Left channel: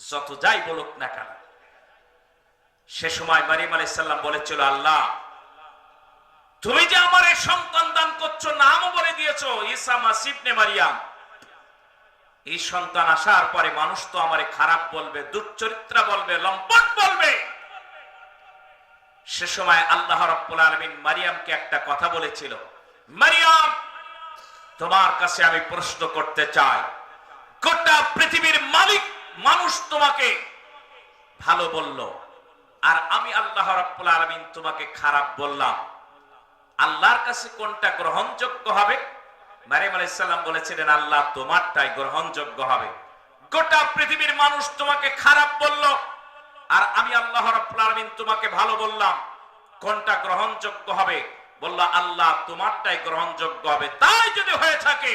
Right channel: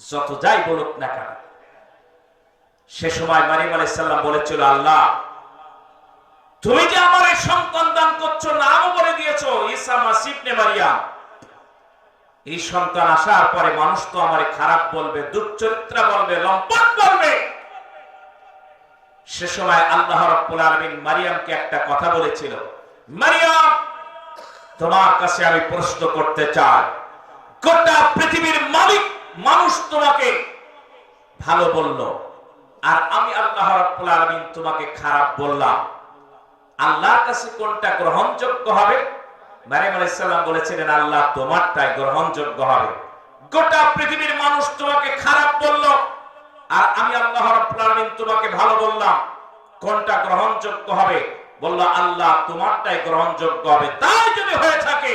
যত যাই বলুক না কেন। সে সময় মারিয়াম আলাইহিস সালাম বলেছিল, আল্লাহ তুমি যে আমার এই সন্তান দান করছো, নামও বলে দিয়েছো ঈসা মাসীহ ইবনে মারিয়াম, এই সন্তান আসার পরে মানুষ তো আমারে খারাপ বলবে, দুশ্চরিত্রা বলবে, লম্পট বলবে। সে সময় আল্লাহ রাব্বুল আলামিন মারিয়ামকে একটা কথা বলেছিল, মারিয়াম তোমার কাছে আমি প্রশ্ন করতে চাই, গোটা পৃথিবীর মালিক মানুষ তোমাকে ভালো বলল, আর আমি আল্লাহ রাব্বুল আলামিন তোমাকে খারাপ বললাম, আল্লাহর কাছে কোনটা গ্রহণযোগ্য হবে? মারিয়াম আলাইহিস সালাম বলেছিলেন, আল্লাহ তোমারটাই গ্রহণযোগ্য হবে। গোটা পৃথিবীর মানুষ তোমাকে খারাপ বলল, আর আমি আল্লাহ রাব্বুল আলামিন তোমাকে ভালো বললাম, কোনটা গ্রহণযোগ্য হবে? বলল, আল্লাহ তোমারটাই গ্রহণযোগ্য হবে। তাই যদি হয়ে থাকে,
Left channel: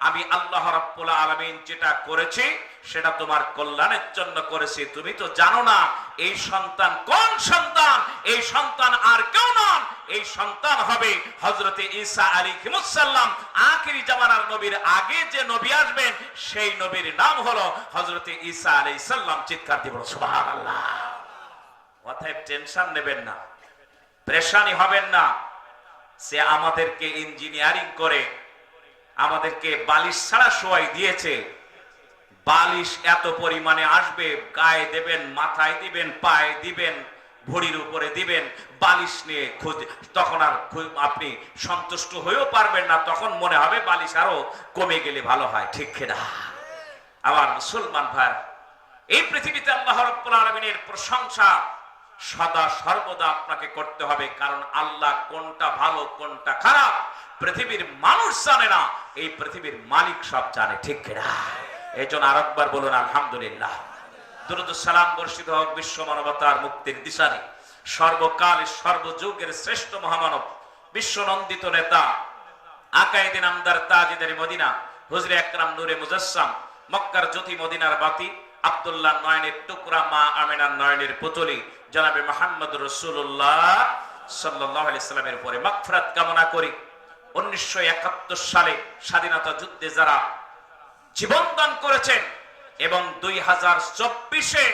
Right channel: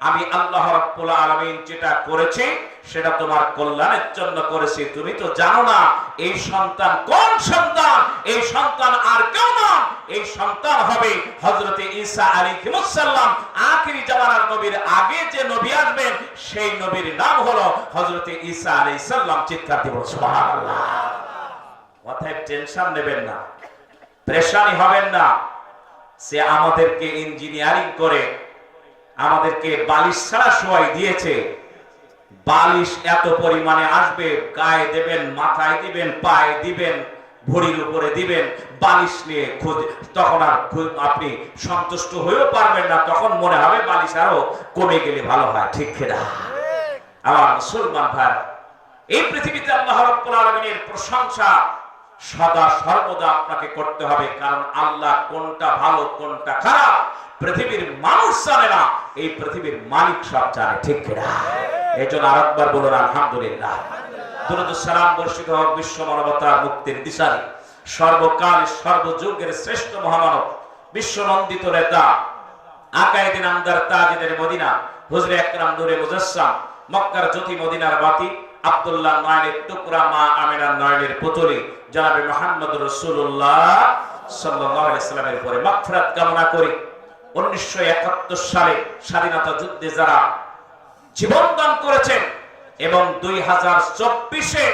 আমি আল্লাহ রাব্বুল আলামিন যেটা করেছি সেটা তোমার কল্যাণের জন্য করেছি। তুমি তো জানো না এই সন্তান কোন সন্তান, এই সন্তান আর কেউ না, এই সন্তান হবে হযরতে ঈসা আলাইহিস সালাম। আখিরি জামানার নবীর আগে যে নবী আসবেন সেই নবীর নাম হলো হযরতে ঈসা আলাইহিস সালাম। চিৎকার দিয়ে বলুন সুবহানাল্লাহ। অতএব টেনশন নেবেন না, পেরেশানি হবেন না। সে আমাদেরকে ইঞ্জিনিয়ারিং করে আমাদেরকে বালিশ ছাড়া শোয়াই দিয়েছে। বালিশ এত পরিমাণে আসবে, গায়ে দেবেন, মাথায় দিবেন, পায়ে দিবেন, ভরির উপরে দিবেন, বালিশ নিয়ে তখন আর আপনি সন্তুষ্ট হয়েও পারবেন না। তখন মনে হবে বালিশ আরো কমে গেলে ভালো হয়। ঠিক কিনা আমার মুসলমান ভাই? এই পৃথিবীতে আল্লাহ রাব্বুল আলামিনের প্রশংসা সদা সর্বদা আপনাকে করতে হবে, কারণ আল্লাহ কোনটা ভালো কোনটা খারাপ পৃথিবীর মানুষ জানে না, এই পৃথিবীর মালিক সব জানে। ঠিক কিনা? এই জন্য আরেকবার বলুন আলহামদুলিল্লাহ। দুরূদ ও সালাম বর্ষিত হোক বিশ্ব মানবতার মুক্তির দিশারি, সর্বকাল সর্বযুগের শ্রেষ্ঠ মহামানব, বিশ্ব নন্দিত নেতা, আকায়েদে নামদার তাজেদের মদিনা, হুজুরে আকরাম নূরে মুজাসসাম, মক্কার জ্যোতি মদিনার বাতি, আব্দুল্লাহ নয়নের টুকরা, মা আমিনার নয়নের পুতলি, জনাবে মুহাম্মদ রাসূলুল্লাহ সাল্লাল্লাহু আলাইহি সাল্লামের উপরে মাগফিরাত কামনা করি। 1971 সালে স্বাধীনতা যুদ্ধে যারা জীবন দান করেছেন এবং 2024-এ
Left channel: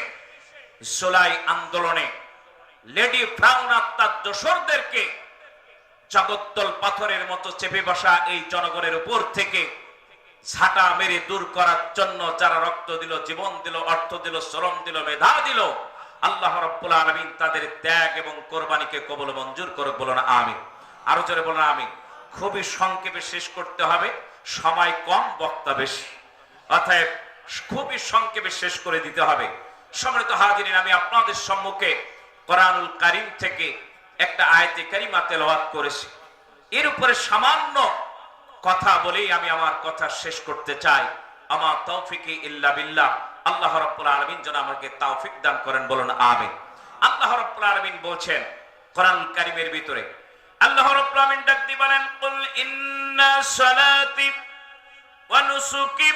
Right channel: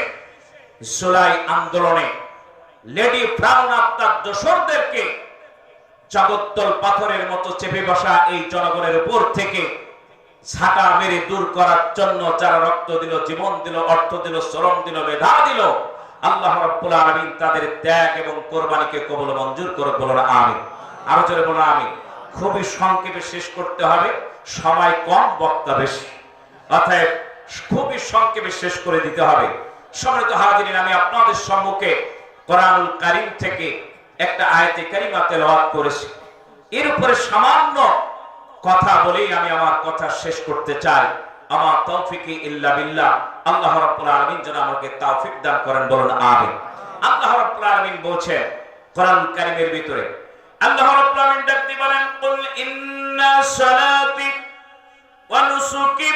জুলাই আন্দোলনে লেডি ব্রাউন আত্মার দোসরদেরকে জগদ্দল পাথরের মতো চেপে বসা এই জনগণের উপর থেকে ঝাঁটা মেরে দূর করার জন্য যারা রক্ত দিল, জীবন দিল, অর্থ দিল, শ্রম দিল, মেধা দিল, আল্লাহ রাব্বুল আলামিন তাদের ত্যাগ এবং কোরবানিকে কবুল মঞ্জুর করুক। বলুন আমিন। আরো জোরে বলুন আমিন। খুবই সংক্ষেপে শেষ করতে হবে, সময় কম, বক্তা বেশি, অতএব খুবই সংক্ষেপে শেষ করে দিতে হবে। সম্মানিত হাজিরিন, আমি আপনাদের সম্মুখে কোরআনুল কারীম থেকে একটা আয়াতে কারিমা তেলাওয়াত করেছি। এর উপরে সামান্য কথা বলেই আমি আমার কথা শেষ করতে চাই। আমার তৌফিকি ইল্লা বিল্লাহ। আল্লাহ রাব্বুল আলামিন যেন আমাকে তৌফিক দান করেন। বলুন আমিন। আল্লাহ রাব্বুল আলামিন বলেছেন কোরআনুল কারীমের ভিতরে, আল্লাহ রাব্বুল আলামিন ডাক দিয়ে বলেন, কুল ইন্না সালাতি ওয়া নুসুকি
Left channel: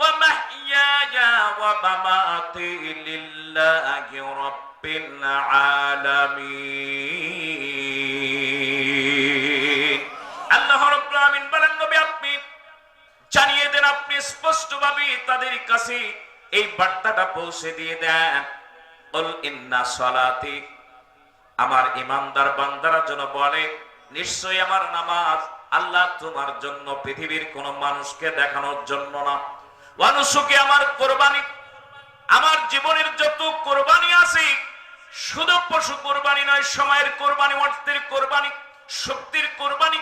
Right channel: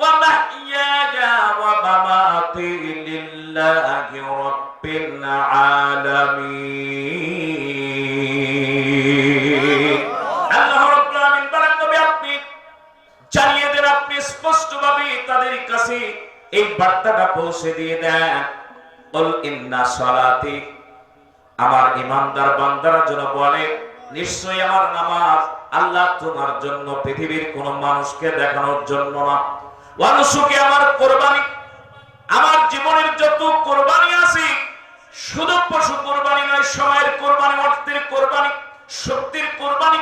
ওয়া মাহইয়ায়া ওয়া মামাতি লিল্লাহি রাব্বিল আলামিন। আল্লাহ রাব্বুল আলামিন বলেন, নবী আপনি জানিয়ে দেন, আপনি স্পষ্টভাবে তাদের কাছে এই বার্তাটা পৌঁছে দিয়ে দেন, কুল ইন্না সালাতি, আমার ইমানদার বান্দারা যেন বলে নিশ্চয়ই আমার নামাজ আল্লাহ তোমার জন্য, পৃথিবীর কোন মানুষকে দেখানোর জন্য না, ওয়া নুসুকি, আমার কুরবানি, আমার জীবনের যত কুরবানি আছে শুধু পশু কুরবানি নয়, সময়ের কুরবানি, অর্থের কুরবানি, শক্তির কুরবানি।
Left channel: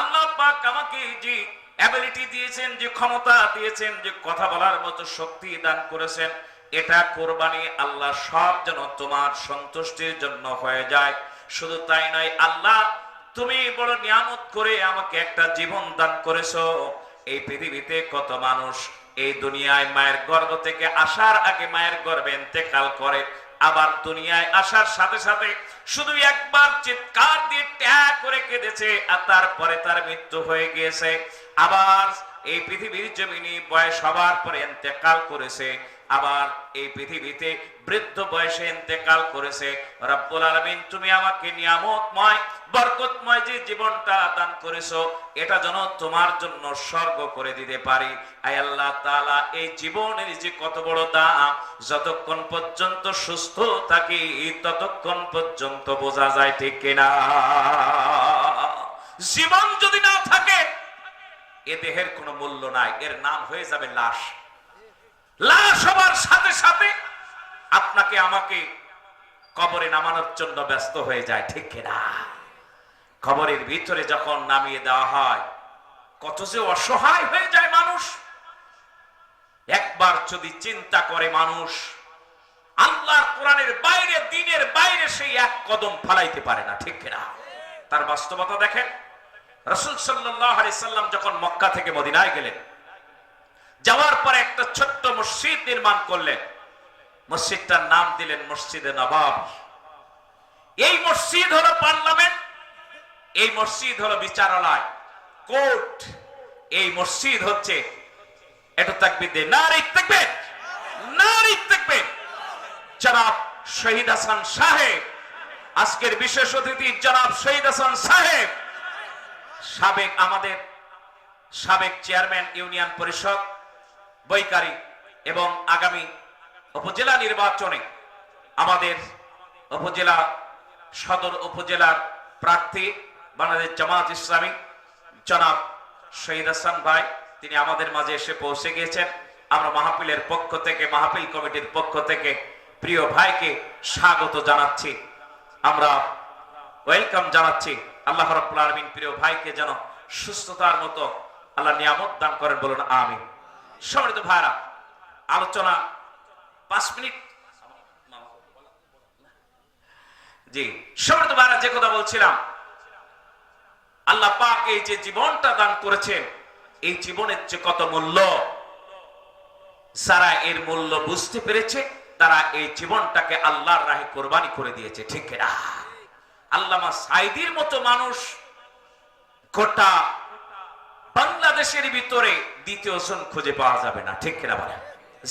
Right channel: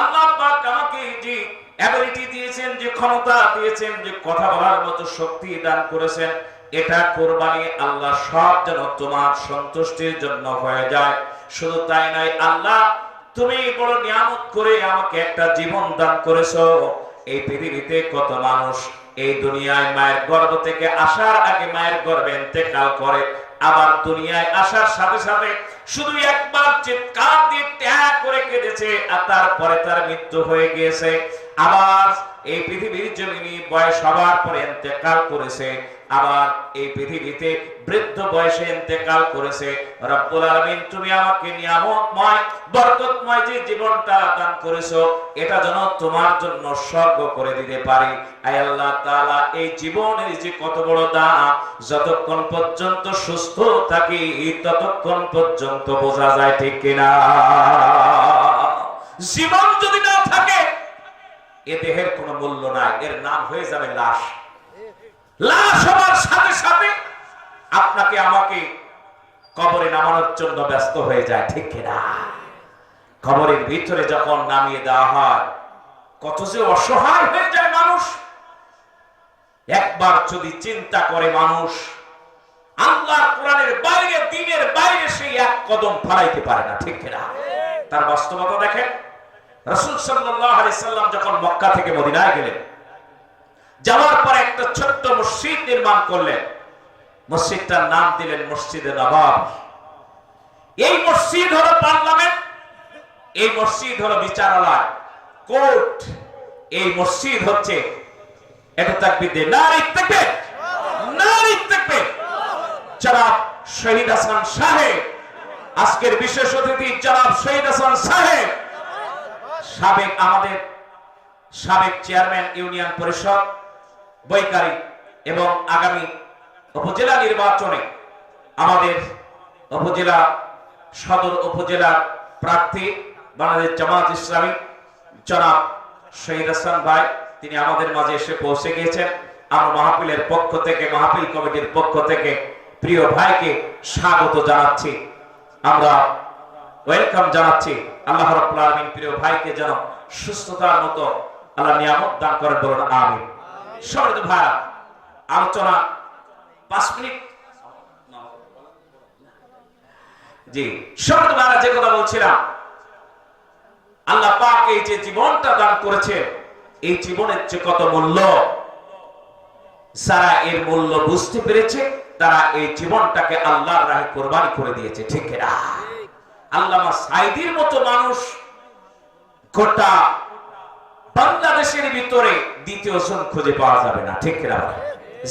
আল্লাহ পাক আমাকে যে অ্যাবিলিটি দিয়েছেন, যে ক্ষমতা দিয়েছেন, যে কথা বলার মতো শক্তি দান করেছেন, এটা কুরবানি আল্লাহ সব যেন তোমার সন্তুষ্টির জন্য হয়ে যায়। শুধু তাই নয়, আল্লাহ তুমি বড় নিয়ামত করে আমাকে একটা জীবন দান করেছো। এই পৃথিবীতে কত মানুষ এই দুনিয়ায় মায়ের গর্ভ থেকে আসার আগে মায়ের গর্ভে ইন্তেকাল করে, আবার দুনিয়ায় আসার সাথে সাথে শুধু একবার চিৎকার দিয়ে ত্যাগ করে কেঁদেছে আর তারপরে তার মৃত্যু হয়ে গিয়েছে। আবার এই পৃথিবীর জমিনে বয়স হবার পরে ইন্তেকাল করেছে, আবার এই পৃথিবীতে বৃদ্ধ বয়সে ইন্তেকাল করেছে। রব্বুল আলামিন তুমি আমাকে নিয়ামতময় বরকতময় যে জীবনটা দান করেছো, এটা যেন তোমার জন্য স্বর্গ করে দিতে পারি। আয় আল্লাহ তাআলা, এই জীবনের যে কত বড় দাম, যতক্ষণ পর্যন্ত সুস্থ থাকি ততক্ষণ পর্যন্ত বোঝা যায়, ঠিক কিনা? জীবন যদি না থাকে এ দেহের কোনো মূল্য নাই, এর নাম হয়ে যাবে লাশ। লাশ হবার সাথে সাথে আপনাকে আমাকে কবরে নামানোর জন্য ব্যস্ত হয়ে যায়, ঠিক কিনা? কবরের ভিতরে যখন নামিয়ে দেওয়া হয় কত যে অসহায় হয়ে যায় মানুষ। একবার যদি চিন্তা করে মানুষ, আল্লাহর কোরআনের বাইরে, দ্বীনের বাইরে সেই এক কদম ফেলাইতে পারে না, ঠিক কিনা? তার বাস্তবতা দেখেন। রাসূল সাল্লাল্লাহু আলাইহি সাল্লাম যখন মক্কা থেকে মদিনায় গেলেন, যাওয়ার পর একটা ছোট্ট মসজিদ নির্মাণ করলেন। মসজিদটার নাম দিলেন মসজিদে নববী। এই মসজিদ হলো পার্লামেন্ট, এই মসজিদ হলো বিচারালয়, কোর্ট। এই মসজিদ হচ্ছে, এটা তাকবীর দিয়ে নারে তাকবীর, নারে তাকবীর। জনাব শহীদ হাসান সাহেব, আজকের বিশেষ অতিথি জনাব শহীদ হাসান সাহেব, আমাদের সাবেক চেয়ারম্যান ইউনিয়ন পরিষদ বৈকারী, এবং আগামী উপজেলা নির্বাচনে আমাদের উপজেলা সদর উপজেলার প্রার্থী বাংলাদেশ জামাত ইসলামী জনাব শহীদ হাসান ভাই, তিনি আমাদের মাঝে এসে পৌঁছে গিয়েছেন। আমরা মাহফিলের পক্ষ থেকে, মাহফিল কমিটির পক্ষ থেকে প্রিয় ভাইকে স্বাগত জানাচ্ছি, আমরা ওয়েলকাম জানাচ্ছি। আল্লাহ রাব্বুল আলামিন প্রিয় ভাইকে যেন সুস্থতার মতো আল্লাহ নিয়ামত দান করেন, বলুন আমিন। সম্মানিত ভাইরা, আলোচনা 5 মিনিট। জি, সম্মানিত ভাইরা, যে কথা বলছিলাম, আল্লাহ পাক এই যে জীবনটা দান করেছে, এই জীবনের যে কত মূল্য, যারা এর মূল্য বুঝতে পেরেছে তারা এই জীবনটাকে আল্লাহর রাহে কোরবানি করে দিয়েছে, ঠিক কিনা? আল্লামা সাঈদীর মতো মানুষ গোটা বাংলাদেশের ভিতরে দ্বিতীয় জন খুঁজে পাওয়া যাবে না, ঠিক কিনা?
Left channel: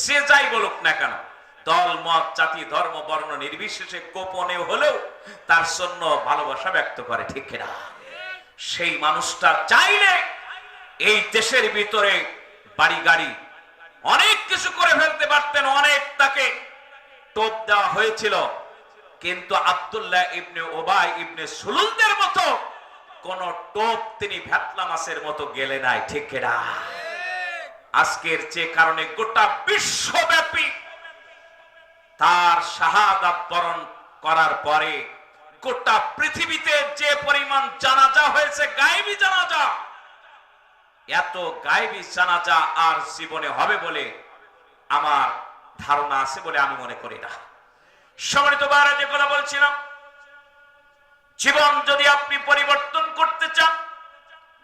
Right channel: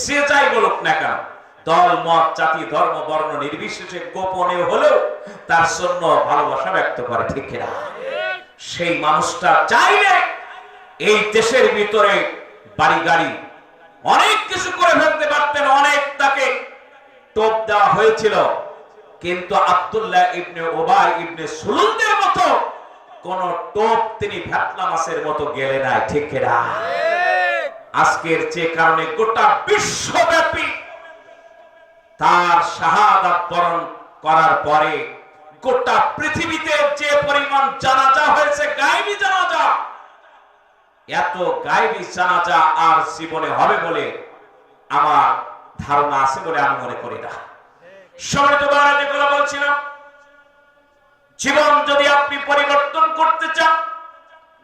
যে যাই বলুক না কেন, দল মত জাতি ধর্ম বর্ণ নির্বিশেষে গোপনে হলেও তার জন্য ভালোবাসা ব্যক্ত করে, ঠিক কিনা? সেই মানুষটা চাইলে এই দেশের ভিতরে বাড়ি গাড়ি অনেক কিছু করে ফেলতে পারতেন, অনেক তাকে টোপ দেওয়া হয়েছিল, কিন্তু আব্দুল্লাহ ইবনে উবাই ইবনে সুলুলদের মতো কোন টোপ তিনি ভ্যাটলা মাছের মতো গেলে নাই, ঠিক কিনা? আজকের যে কারণে গোটা বিশ্বব্যাপী তার শাহাদাত বরণ করার পরে গোটা পৃথিবীতে যে পরিমাণ জানাজা হয়েছে, গায়েবী জানাজা, এত গায়েবী জানাজা আর জীবনে হবে বলে আমার ধারণা আছে বলে আমি মনে করি না। সম্মানিত ভাইরা, যে কথা বলছিলাম, জীবন যদি আপনি পরিবর্তন করতে চান,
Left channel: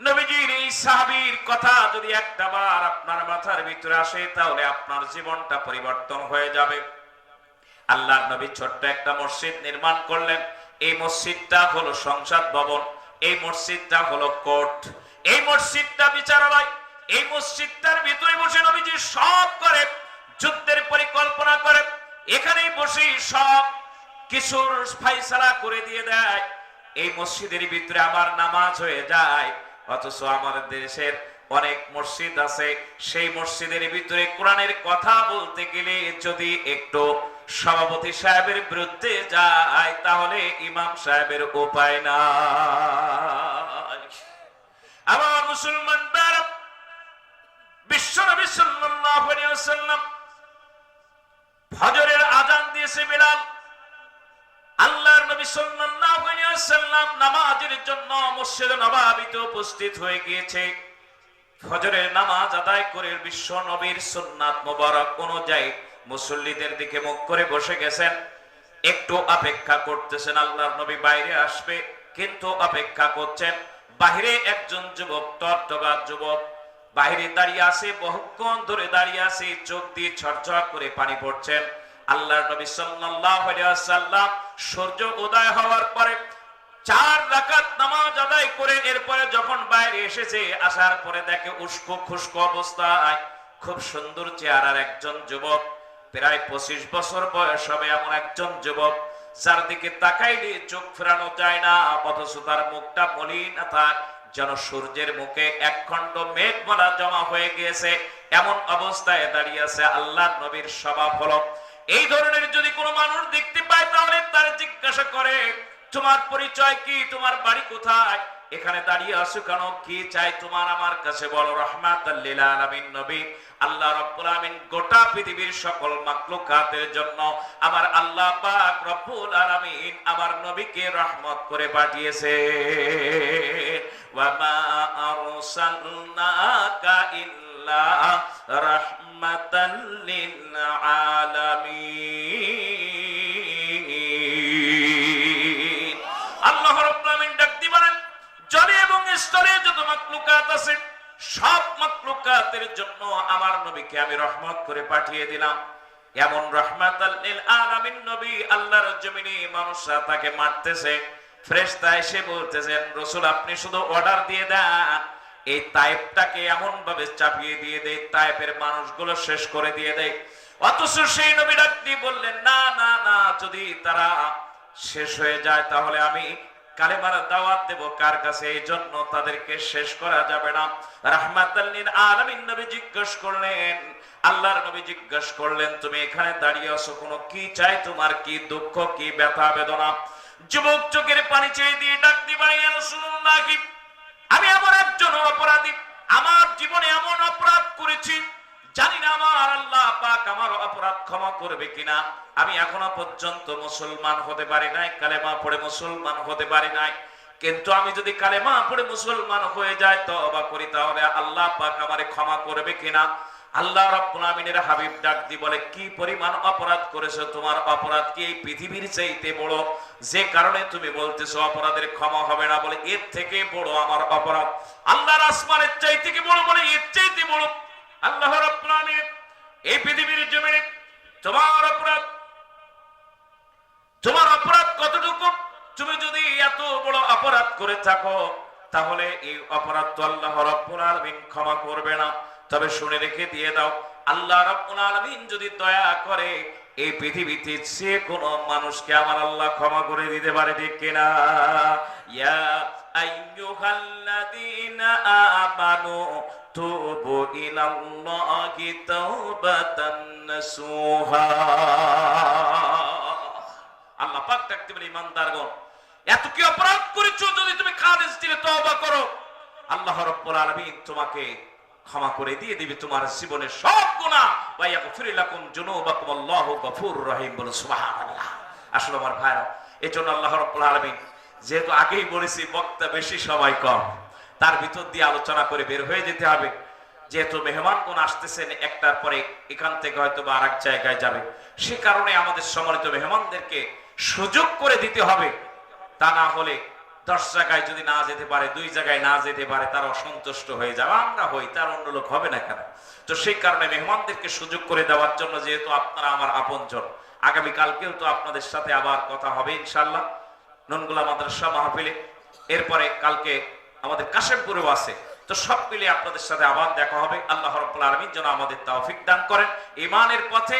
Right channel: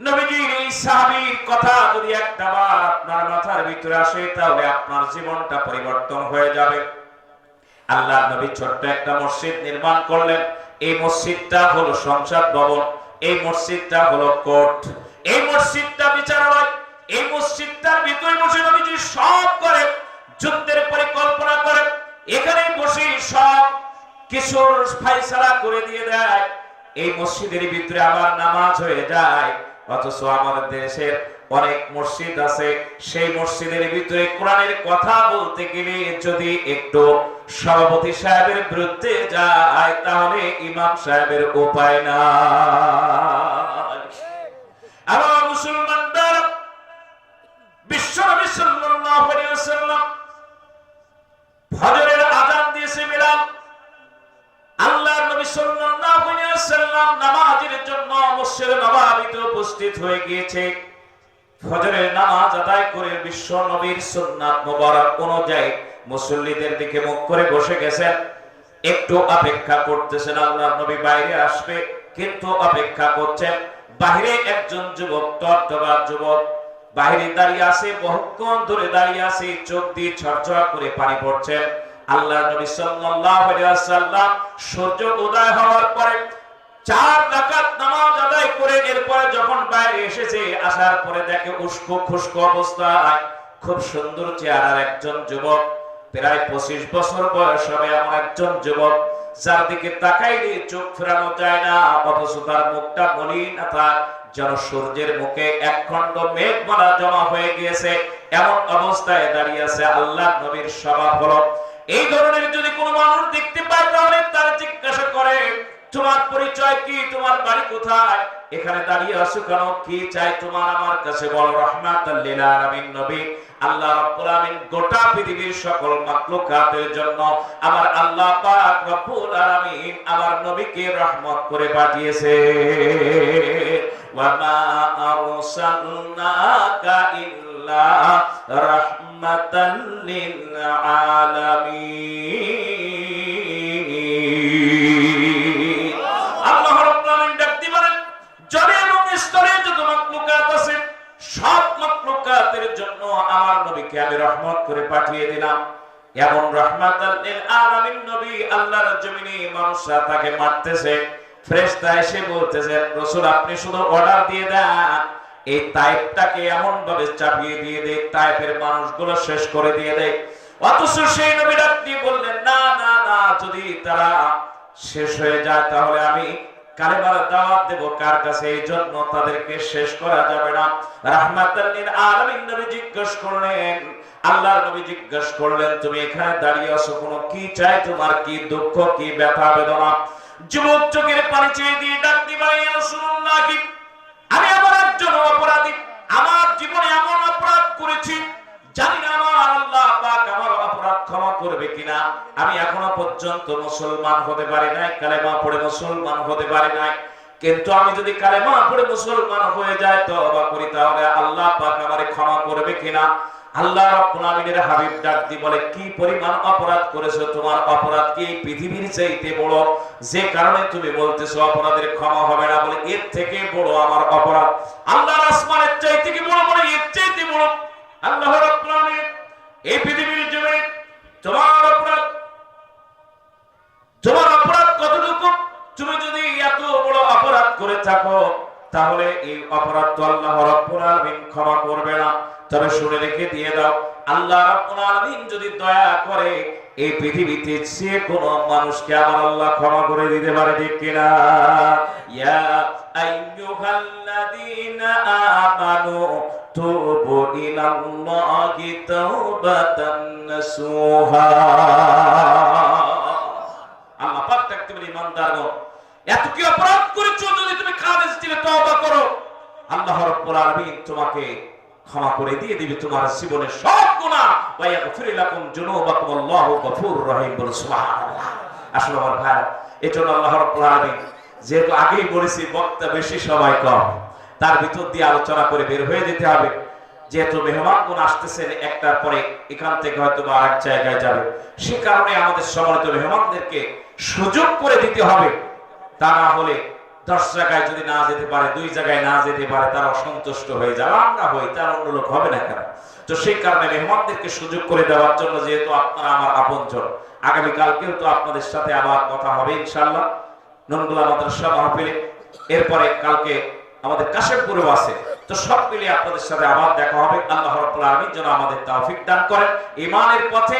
নবীজির এই সাহাবীর কথা যদি একটাবার আপনার মাথার ভিতরে আসে, তাহলে আপনার জীবনটা পরিবর্তন হয়ে যাবে। আল্লাহর নবী ছোট্ট একটা মসজিদ নির্মাণ করলেন। এই মসজিদটা হলো সংসদ ভবন, এই মসজিদটা হলো কোর্ট, এই মসজিদটা বিচারালয়। এই মসজিদটার ভিতরে বসে নবীজি সব করে, যুদ্ধের পরিকল্পনা করে, এখানে বসে সব কিছুর ফায়সালা করে দিয়ে দেয়। এই মসজিদের ভিতরে আবার নামাজ হয়ে যায়। অথচ আমাদের দেশের অনেক মসজিদ আছে, সেই মসজিদের ভিতরে কোরআনের কথা বলতে গেলে যদি একটু সভাপতি সাহেবের বিরুদ্ধে যায়, তাহলে ইমাম সাহেবের উপায় না। আমার মুসলমান বিশ্বনবী সাল্লাল্লাহু আলাইহি ওয়াসাল্লাম ফজরের আযান দিয়েছে বিলাল। আল্লাহর নবী সাল্লাল্লাহু আলাইহি ওয়াসাল্লাম নামাজের জন্য মসজিদে নববীতে উপস্থিত হয়ে গিয়েছে। ফজরের নামাজ আদায় করে বিশ্ব নবীর সুন্নাত মোবারক অনুযায়ী মুসল্লিদের দিকে মুখ করে বসে গেছেন, একটু অপেক্ষা করতেছেন আল্লাহর নবী বাইরে আসবে, কিন্তু অপেক্ষা করছেন। বাহিরে একজন যুবক, টটকা যুবক বাহিরে দাঁড়িয়ে আছে, বহুক্ষণ ধরে দাঁড়িয়ে আছে, চোখ দিয়ে ঝরঝর করে পানি পড়ছেন। আল্লাহর নবী সাল্লাল্লাহু আলাইহি ওয়াসাল্লাম সূর্য উদয় হওয়ার পরে 4 রাকাত নামাজ আদায় করে এরপরে যখন বাইরে এসেছে, আসার পরে দেখে উস্কো খুস্কো অবস্থায় খুব সুন্দর চেহারার একজন যুবক, প্রায় 25 বছর বয়স হবে এমন একজন যুবক, যার দিকে তাকাইলে চোখ ফেরানো যায় না, অথচ তার মুখটা মলিনতা যেন সূর্যের মুখে একখণ্ড মেঘমালা জমা হয়ে গিয়েছে, এমন অবস্থায় দাঁড়িয়ে আছে। আল্লাহর নবীর স্বভাব হলো এই ধরনের যদি কোনো মানুষ দেখতে পায় তাহলে তার জিজ্ঞাসা করে, তোমার পরিচয় কি, তোমার বাড়ি কোথায়, এখানে দাঁড়িয়ে আছো কেন, কি চাই তোমার আমার কাছে বলো। রাহমাতাল লিল আলামিন নবী, আল্লাহ রাব্বুল আলামিন গোটা পৃথিবীর সকল মাখলুকাতের জন্য আমার আল্লাহ পাক রব্বুল আলামিন আমার নবীকে রহমত করে পাঠিয়েছে। ওয়া মা আরসালনাকা ইল্লা রাহমাতাল লিল আলামিন। আল্লাহ রাব্বুল আলামিন ডাক দিয়ে বলেন, জলে এবং স্তরে যত মাখলুকাত আছে সব মাখলুকাতের জন্য আমার নবীকে আমি রহমত করে পাঠিয়ে দিলাম। এমন রাহমাতাল লিল আলামিন নবী, আল্লাহর জমিনে মানুষরা তাকে মারতেছে, ফেরেশতা এসে বলতেছেন, রাসূল আপনি শুধু অর্ডার দিয়ে দেন, এই তায়েফটাকে এমন ভাবে চাপিয়ে দিয়ে দেয়, তায়েফের মানুষগুলো শেষ করে দিয়ে দেয়। অথচ সেই নবী ডাক দিয়ে বললেন, না না না, যদি তারা শেষ হয়ে যায় তাহলে আমি কালেমার দাওয়াত দেব কার কাছে, এই জন্য তাদেরকে শেষ করা যাবে না। রাহমাতাল লিল আলামিন নবী জিজ্ঞেস করলেন, আল্লাহর নবী জিজ্ঞেস করলেন, তুমি এখানে দাঁড়িয়ে আছো কোনো কি চাই, তোমার কি দুঃখ, কি ব্যথা বেদনা? যুবক চোখের পানি চেয়ে দিয়ে ডাক দিয়ে বলে, ইয়া রাসূলুল্লাহ, আমি আমার একজন অপরাধী, আমার জীবনে এমন অপরাধ করেছি জানি না আমার আল্লাহ পাক আমার অপরাধ ক্ষমা করবে কিনা। আমি এখনো পর্যন্ত মুসলমান হতে পারি নাই, কালেমা পড়ে মুসলমান হতে পারি নাই, কিন্তু আমি যদি কালেমা পড়ে মুসলমান হয়ে যায়, তওবা করি, তাহলে আল্লাহ পাক আমারে ক্ষমা করবে কিনা। আল্লাহ রাব্বুল আমিনের হাবিব ডাক দিয়ে বলে, কি পরিমাণ অপরাধ করেছো, তোমার অপরাধ কি এই পৃথিবীর চাইতে বড়, যে কারণে তুমি বলতেছো অপরাধের ক্ষমা হবে না? বলে, এর থেকে বড় আমার অপরাধ আল্লাহর আসমানের চাইতে কি বড়? বলে, এর চাইতে বড়। আল্লাহ রাব্বুল আমিন এই পৃথিবীর জমিনে তোমার অপরাধ কতটুকু? তুমি যদি এত বড় অপরাধ করে থাকো তাহলে এই অপরাধ তো আল্লাহ রাব্বুল আলামিন ক্ষমা করবে না। তবে শুনে রেখে দিয়ে দাও, আল্লাহ রাব্বুল আলামিন যদি দয়া করে এই পৃথিবীতে যে কোনো মানুষকে আমার আল্লাহ ক্ষমা করে দিতে পারে, ঠিক কিনা? ইয়া আইয়ুহাল্লাযীনা আমানু তুবু ইলাল্লাহি তাওবাতান নাসুহা। আল্লাহ পাক ডাকতে বলে, ইমানদারগণ, এত কি অপরাধ করেছো, যদি তুমি খালেস দিলে তওবা করো, আল্লাহ রাব্বুল আলামিন তোমাকে ক্ষমা করে দিয়ে দিবে তোমার জীবনের সব গুনাহ। ওয়া ইয়াগফিরু লাকুম যুনুবাকুম, আল্লাহু গফুরুর রহিম। বলো সুবহানাল্লাহ। আসলে আমার ভাই, এজন্য আল্লাহ রাব্বুল আলামিন, যেহেতু আগেই বলেছি বক্তা বেশি সময় কম, তার ভিতর দিয়ে আলোচনা করে বের হয়ে যেতে হবে। যেহেতু মেহমানগণ আসতেছেন, একটার পরে এখান থেকে হয়তো বা আরেক জায়গায় যাবে, সে কারণে আমাদের সম্মানিত মেহমানদেরকে সুযোগ করে দিতে হবে। তা না হলে 10 জায়গায় যদি না যেতে পারে, 2 জায়গায় না যেতে পারে, তারা অসন্তুষ্ট হয়ে যাবে, আমরা হই, তার অন্য লোক হবে না কেন? তো সেই কারণে মেহমানদেরকে সুযোগ করে দেওয়ার জন্য, যেহেতু আপনারা আমার আপনজন, আগামীকালকেও তো আপনাদের সাথে আবার কথা হবে ইনশাআল্লাহ ননগুলা মাদ্রাসা মাহফিলে। এরপরে কালকে আমাদের কাশেমপুরেও আছে, তো সব মিলিয়ে আপনাদের সাথে আবার দেখা হবে। আল্লাহ রাব্বুল আলামিন যেন আমাদের তৌফিক দান করেন, ঈমানের পথে,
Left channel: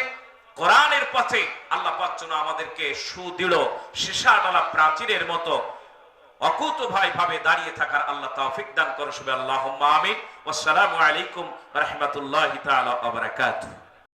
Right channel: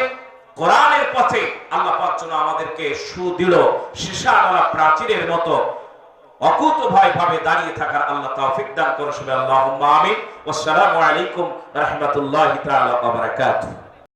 কোরআনের পথে আল্লাহ পাক যেন আমাদেরকে সুদৃঢ় সীসাওয়ালা প্রাচীরের মতো অকুত ভাবে দাঁড়িয়ে থাকার আল্লাহ তৌফিক দান করুন। আল্লাহুম্মা আমিন। ওয়াসসালামু আলাইকুম ওয়া রাহমাতুল্লাহি তাআলা ওয়া বারাকাতুহু।